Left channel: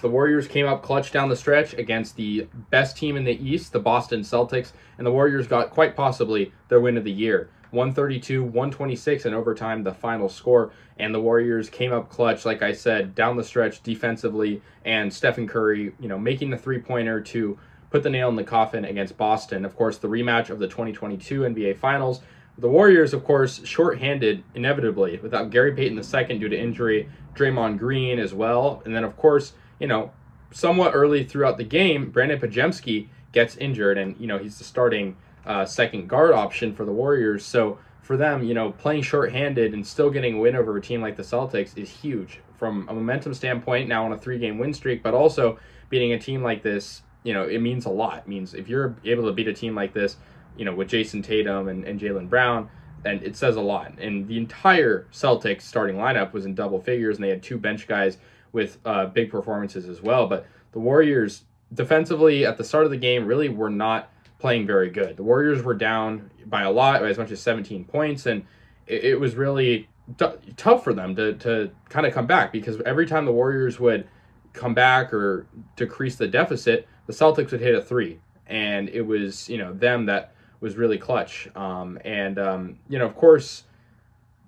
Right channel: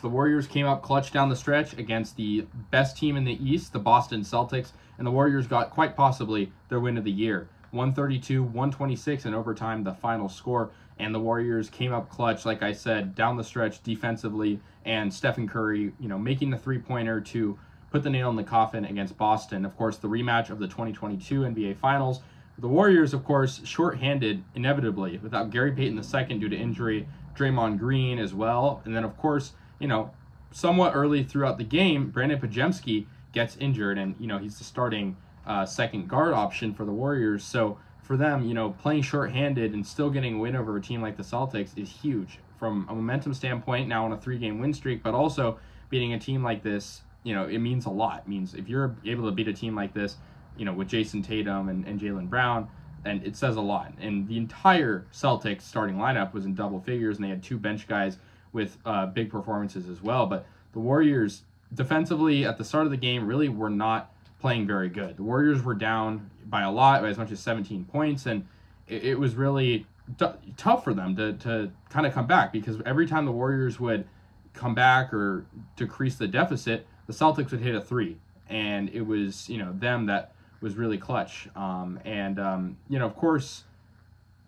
The Warriors came up clutch down the stretch against the best team in the East, the Boston Celtics, and the Warriors got quite possibly their win of the year. 132-126 in overtime, the final score, and the Warriors came up clutch, like I said, down the stretch defensively, and Stephen Curry, making the three-pointer to put the nail in the coffin against Boston. Of course, the rematch of the 2022 NBA Finals. The Warriors, of course, shorthanded inevitably without Gary Payton II due to injury, Draymond Green as well, and then, of course, somewhat early throughout the game, Brandon Podziemski gets injured, and, he's the starting second guard option for the Warriors. So for them, playing shorthanded and still getting a win over a team like the Celtics is huge from a momentum standpoint, now on a 3-game win streak, but also beating a team like this, it means a lot. It means if you're able to beat a team like this, with Jason Tatum and Jaylen Brown, then it says a lot. And the entire Celtics starting lineup was in double figures, and they had 2 bench guys with big performances as well. But the Warriors defensively at the start of the game really were not playing very good. The Warriors were down by a lot, by as much as 17 points, and it was really tough for them to kind of come back, because every time the Warriors would come back or decrease the deficit, the Celtics would hit a 3, and it was them that was really clutch. Of course,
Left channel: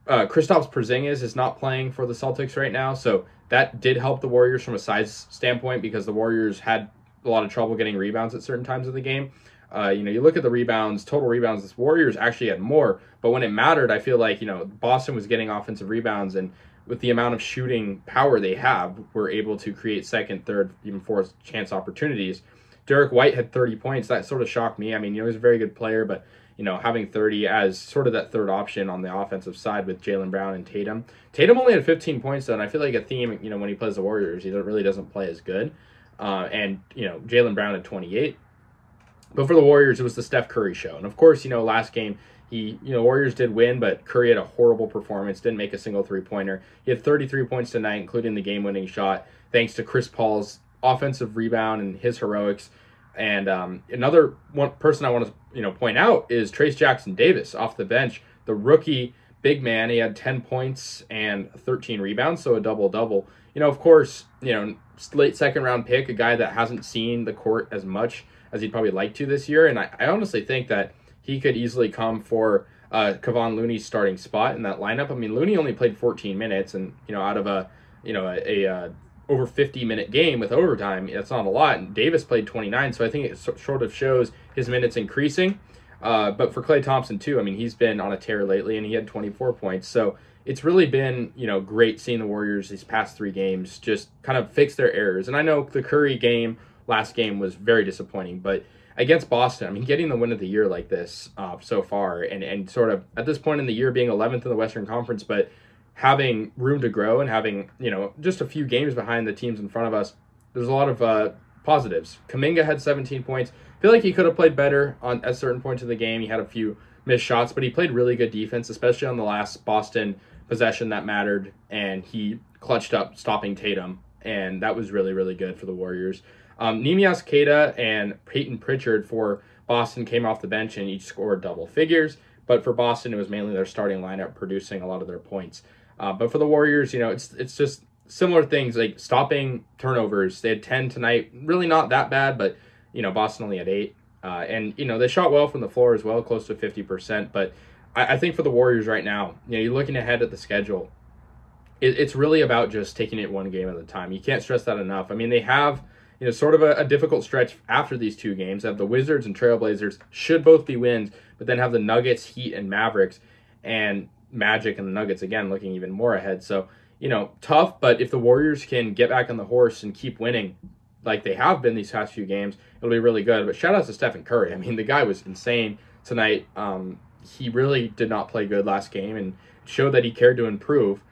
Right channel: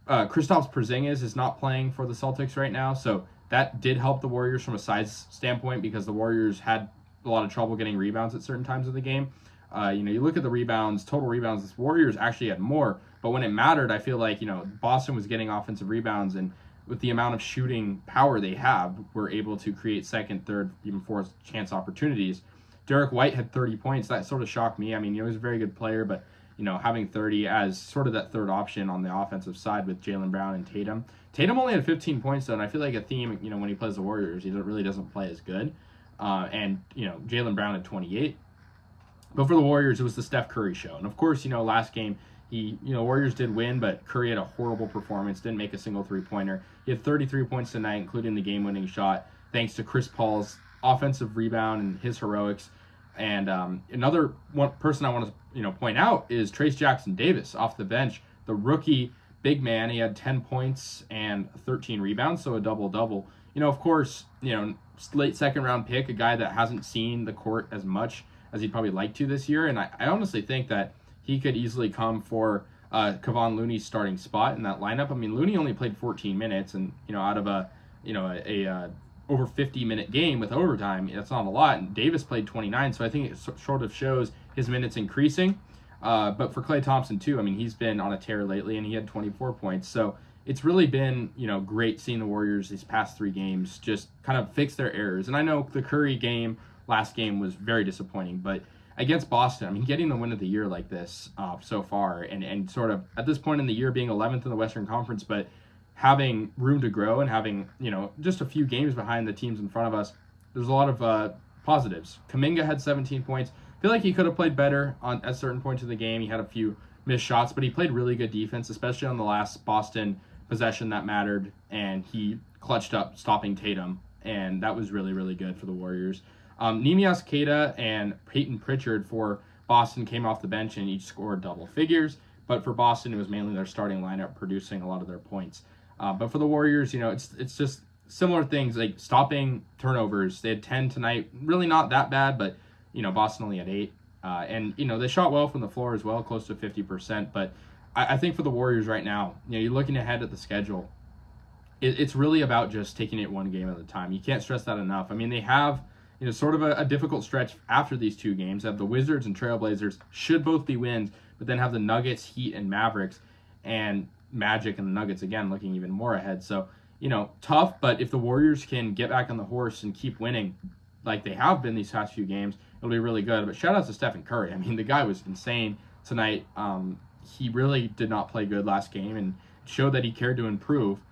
Kristaps Porzingis is not playing for the Celtics right now, so that did help the Warriors from a size standpoint, because the Warriors had a lot of trouble getting rebounds at certain times of the game. You look at the rebounds, total rebounds, the Warriors actually had more, but when it mattered, I feel like, Boston was getting offensive rebounds, and with the amount of shooting power they have, were able to create second, third, even fourth chance opportunities. Derek White had 30 points. That sort of shocked me. I mean, he was a very good player, but, having 30 as sort of that third option on the offensive side with Jaylen Brown and Tatum. Tatum only had 15 points, though, and I feel like a theme, when he plays the Warriors, he really doesn't play as good. Jaylen Brown had 28. But for the Warriors, it was the Steph Curry show. And, of course, last game, Warriors did win, but Curry had a horrible performance, didn't make a single three-pointer. He had 33 points tonight, including the game-winning shot, thanks to Chris Paul's offensive rebound and his heroics. And another one person I want to point out is Trayce Jackson-Davis off the bench, the rookie big man. He had 10 points and 13 rebounds, so a double-double. Of course, late second-round pick, a guy that hasn't seen the court as much as he'd probably like to this year. And I honestly think that he could easily come for Kevon Looney's starting spot in that lineup. I mean, Looney only played 14 minutes, and out of a over 50-minute game with overtime, that's not a lot. And Davis played 29, so I think it sort of shows his minutes increasing. But for Klay Thompson too, I mean, he's been on a tear lately, and he had 24 points. So it's really been great seeing the Warriors these past 3 games just kind of fix their errors. And I know the Curry game last game was very disappointing, but against Boston, I mean, getting the win of the year like this so far, and sort of at this point in the year being 11th in the Western Conference, but having room to grow and having, just a few games behind the teams in front of us, there's a lot of positives. Kuminga had 17 points. I feel like he could have played better at certain points of the game. He had a few missed shots, but he played really good defense, especially on the last Boston possession that mattered, and he clutched up stopping Tatum, and that was really, really good for the Warriors. Neemias Queta and Peyton Pritchard for Boston came off the bench and each scored double figures, but for Boston, it was mainly their starting lineup producing a lot of their points. But for the Warriors, it's just similar things, like stopping turnovers. They had 10 tonight, really not that bad, but, Boston only had 8. They shot well from the floor as well, close to 50%. But I think for the Warriors right now, you're looking ahead at the schedule. It's really about just taking it one game at a time. You can't stress that enough. I mean, they have sort of a difficult stretch after these 2 games. They have the Wizards and Trailblazers, should both be wins, but then have the Nuggets, Heat, and Mavericks, and Magic and the Nuggets, again, looking even more ahead. So, tough, but if the Warriors can get back on the horse and keep winning like they have been these past few games, it'll be really good. But shout out to Stephen Curry. I mean, the guy was insane tonight. He really did not play good last game and showed that he cared to improve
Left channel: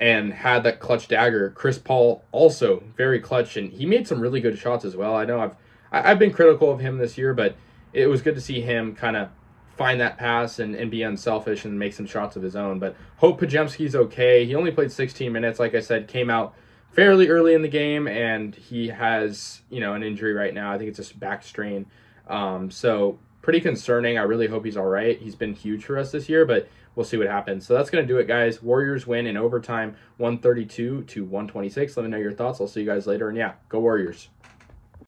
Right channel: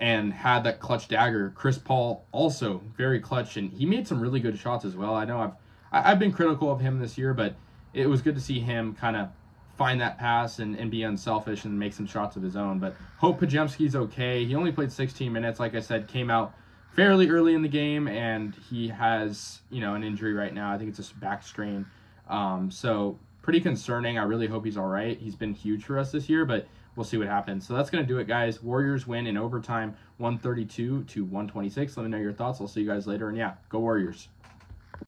and had that clutch dagger. Chris Paul also very clutch, and he made some really good shots as well. I know I've been critical of him this year, but it was good to see him kind of find that pass and be unselfish and make some shots of his own. But hope Podziemski's okay. He only played 16 minutes, like I said, came out fairly early in the game, and he has, an injury right now. I think it's a back strain. So pretty concerning. I really hope he's all right. He's been huge for us this year, but we'll see what happens. So that's going to do it, guys. Warriors win in overtime, 132 to 126. Let me know your thoughts. I'll see you guys later. And yeah, go Warriors.